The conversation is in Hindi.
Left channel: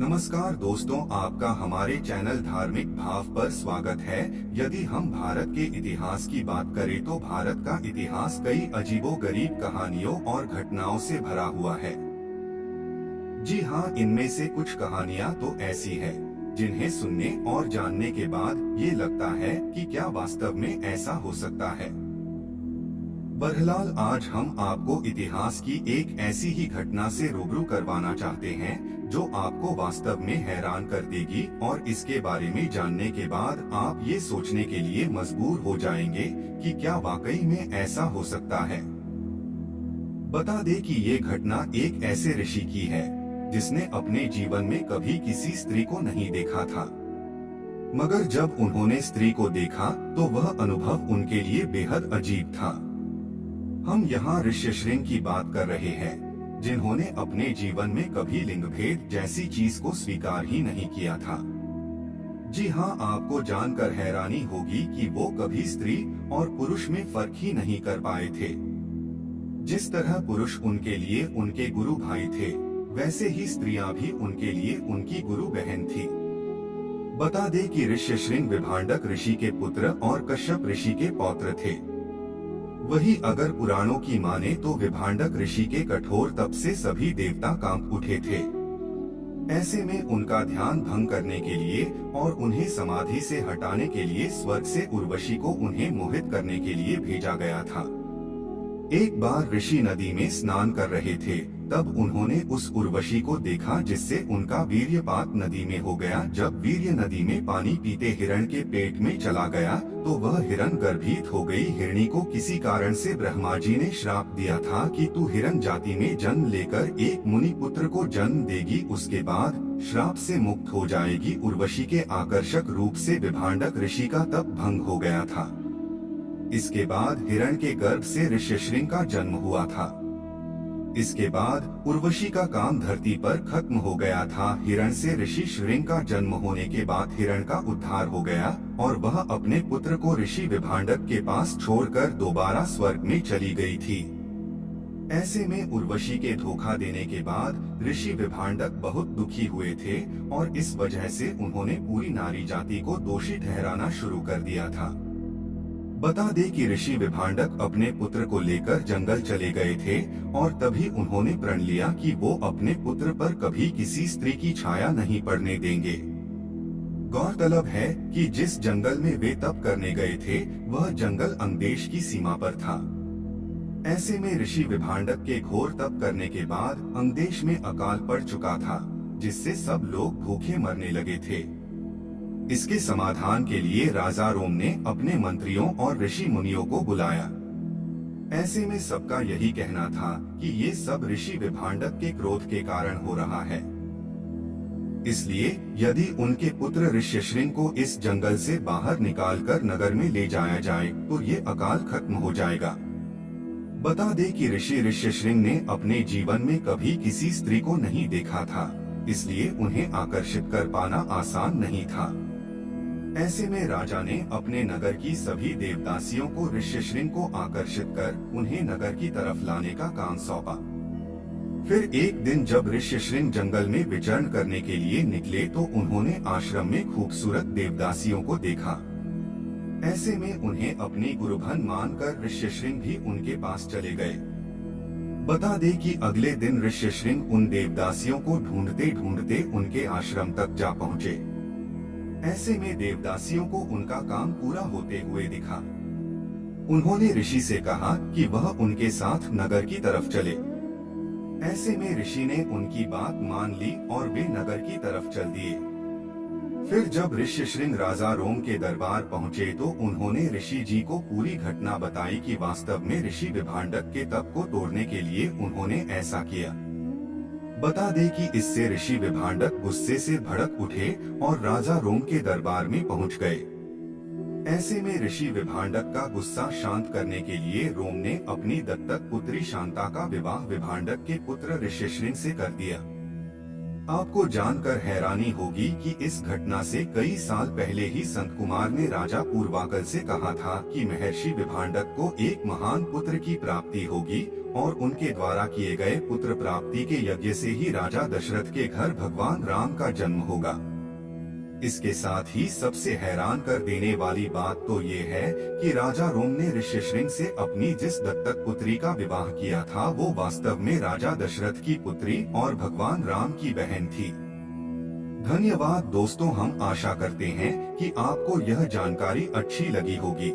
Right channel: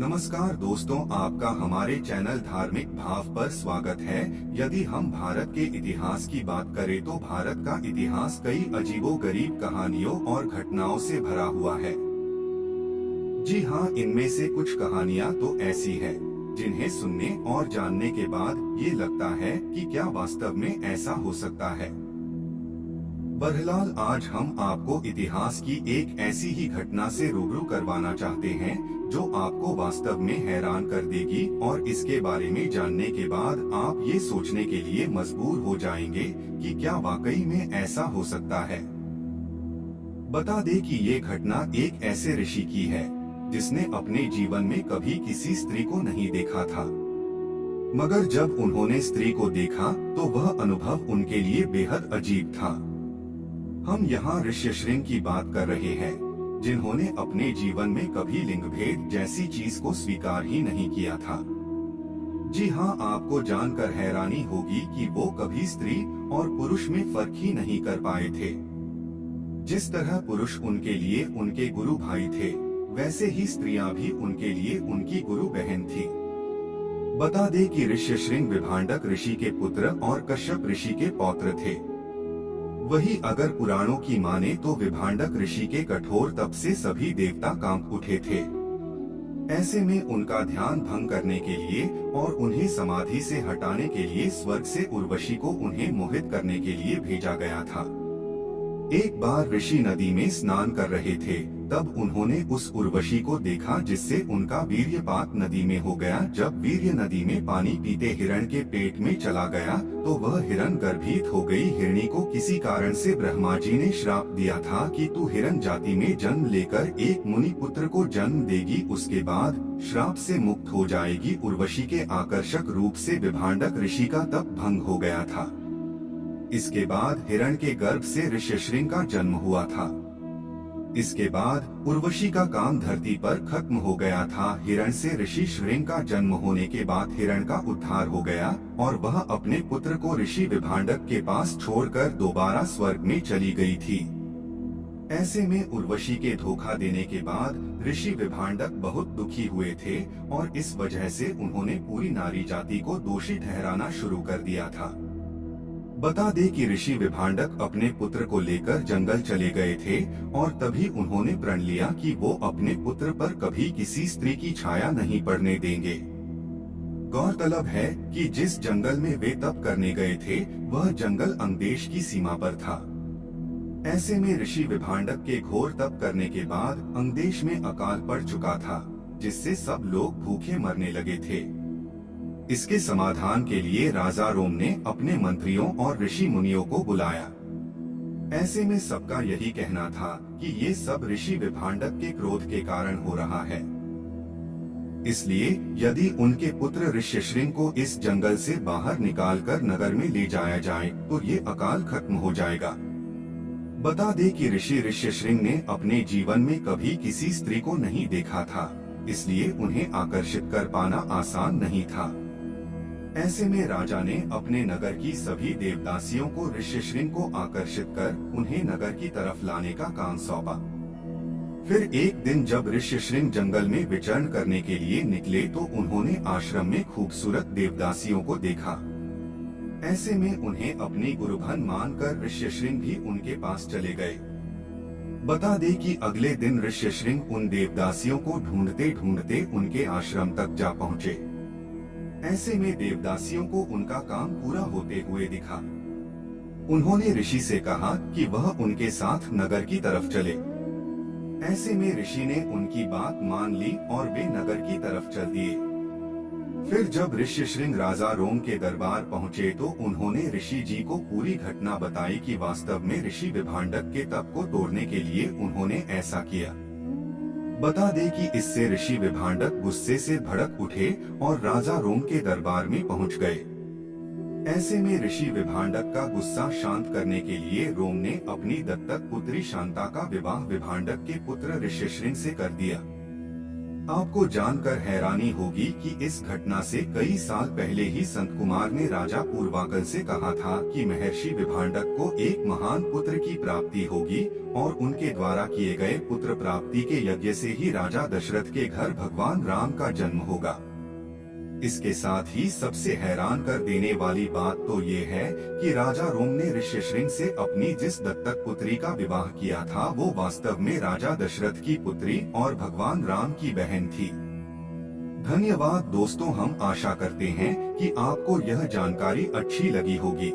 नमस्कार दोस्तों, आपका हमारे चैनल धार्मिक भाव पर स्वागत है। यदि हम भारत के इतिहास की बात करें तो भारत का इतिहास कई अजीबोगरीब कहानियों और घटनाओं से भरा हुआ है। जी हाँ, इनमें से कुछ कहानियाँ तो ऐसी है जिन्हें सुनने और जानने के बाद ये लगता है कि क्या वास्तव में ऐसा हो सकता है। बहरहाल आज हम आपको इतिहास की एक ऐसी ही घटना से रूबरू करवाना चाहते हैं जो आपको वास्तव में हैरान कर देगी और इसके बारे में जानने के बाद आप ये सोचने के लिए मजबूर हो जाएंगे कि क्या वाकई में ऐसा हो सकता है। बता दें कि ये घटना एक ऐसे ऋषि की है जिसने अपने जीवन में कभी किसी स्त्री को नहीं देखा था, मगर जब उन्होंने स्त्री को देखा तो वह अनुभव उनके लिए बेहद अजीब था। हम यहाँ ऋष्यशृंग की बात कर रहे हैं जिन्होंने अपने जीवन में कभी लिंग भेद जैसी चीज को स्वीकार ही नहीं किया था। जी हाँ, आपको जानकर हैरानी होगी कि वो कभी स्त्री और पुरुष में फर्क ही नहीं कर पाए थे। जिस तरह पुरुष उनके लिए उनके गुरु भाई थे, वैसे ही स्त्रियां भी उनके लिए उनकी गुरु बहन थी। बता दे कि ऋष्यशृंग विभांडक ऋषि के पुत्र और कश्यप ऋषि के पौत्र थे। वही अगर पुराणों की माने तो विभांडक ऋषि के कठोर तप से सभी देवता कांप उठे थे। ऐसे में उनका ध्यान भंग करने के लिए और उन्हें समाधि से हटाने के लिए स्वर्ग से उर्वशी को उन्हें मोहित करने के लिए भेजा गया था। एक बार ऋषि नदी में स्नान कर रहे थे, तब उन्होंने उस उर्वशी को देखा जिससे उनका वीर्यपात नदी में हो गया। जब वीर्य नदी में पानी पीते हिरण के पेट में चला गया तो वह हिरण गर्भित हो गई। हिरणी को किसी कारण से ब्रह्मा जी ने श्राप दिया था कि तू हिरण जाति में जन्म लेकर एक मुनि पुत्र को जन्म देगी, उसके बाद श्राप से मुक्त हो जाएगी। उर्वशी के आकर्षक रूप से विभांडक ऋषि का तप भंग हो गया था। इसके बाद हिरण के गर्भ से ऋष्यशृंग का जन्म हुआ था। इसके बाद उर्वशी का काम धरती पर खत्म हो गया था। हिरण से ऋषि शृंग का जन्म होने के बाद हिरण का उद्धार हो गया और वह अपने पुत्र को ऋषि विभांडक के पास छोड़कर दोबारा स्वर्ग में चली गई थी। ऐसे में उर्वशी के धोखा देने के बाद ऋषि विभांडक बहुत दुखी हुए थे और इस वजह से उन्होंने पूरी नारी जाति को दोषी ठहराना शुरू कर दिया था। बता दे कि ऋषि विभांडक अपने पुत्र को लेकर जंगल चले गए थे और तभी उन्होंने प्रण लिया कि वो अपने पुत्र पर कभी किसी स्त्री की छाया नहीं पड़ने देंगे। गौरतलब है कि जिस जंगल में वे तप करने गए थे वह जंगल अंगदेश की सीमा पर था। ऐसे में ऋषि विभांडक के घोर तप करने के बाद अंगदेश में अकाल पड़ चुका था, जिससे सब लोग भूखे मरने लगे थे। इसके समाधान के लिए राजा रोम ने अपने मंत्रियों और ऋषि मुनियों को बुलाया। ऐसे में सबका यही कहना था कि ये सब ऋषि विभांडक के क्रोध के कारण हो रहा है। इसलिए यदि उनके पुत्र ऋष्यशृंग को इस जंगल से बाहर निकालकर नगर में ले जाया जाए तो ये अकाल खत्म हो जाएगा। बता दे कि ऋषि ऋष्यशृंग ने अपने जीवन में कभी किसी स्त्री को नहीं देखा था, इसलिए उन्हें आकर्षित कर पाना आसान नहीं था। ऐसे में राजा ने अपने नगर की सभी देवदासियों को ऋष्यशृंग को आकर्षित कर उन्हें नगर की तरफ लाने का काम सौंपा। फिर एक दिन जब ऋष्यशृंग जंगल में विचरण करने के लिए निकले तो उन्होंने आश्रम में खूबसूरत देवदासियों को देखा। ऐसे में उन्हें अपनी गुरुभन मानकर ऋष्यशृंग भी उनके पास चले गए। बता दे कि अगले दिन ऋष्यशृंग उन देवदासियों को ढूंढते ढूंढते उनके आश्रम तक जा पहुँचे। ऐसे में देवदासियों को उनका काम पूरा होते हुए दिखा। उन्होंने ऋषि से कहा कि वह उनके साथ नगर की तरफ चले। ऐसे में ऋषि ने उनकी बात मान ली और वे नगर की तरफ चल दिए। फिर जब ऋष्यशृंग राजा रोम के दरबार पहुँचे तो उन्होंने ऋषि जी को पूरी घटना बताई कि वास्तव में ऋषि विभांडक के तप को तोड़ने के लिए उन्होंने ऐसा किया। बता दे कि इससे ऋषि विभांडक गुस्से से भड़क उठे और राजा रोम के दरबार में पहुंच गए। ऐसे में ऋषि विभांडक का गुस्सा शांत करने के लिए रोम ने अपनी दत्तक पुत्री शांता का विवाह विभांडक के पुत्र ऋष्यशृंग से कर दिया। आपको जानकर हैरानी होगी कि इस घटना से कई साल पहले ही संत कुमार ने राजा पूर्वाकल से कहा था कि महर्षि विभांडक को एक महान पुत्र की प्राप्ति होगी और उनके द्वारा किए गए पुत्र प्राप्ति के यज्ञ से ही राजा दशरथ के घर भगवान राम का जन्म होगा। इसके साथ ही सबसे हैरान कर देने वाली बात तो ये है कि राजा रोम ने ऋष्यशृंग से अपनी जिस दत्तक पुत्री का विवाह किया था वो वास्तव में राजा दशरथ की पुत्री और भगवान राम की बहन थी। धन्यवाद दोस्तों, हम आशा करते हैं कि आपको यह जानकारी अच्छी लगी होगी।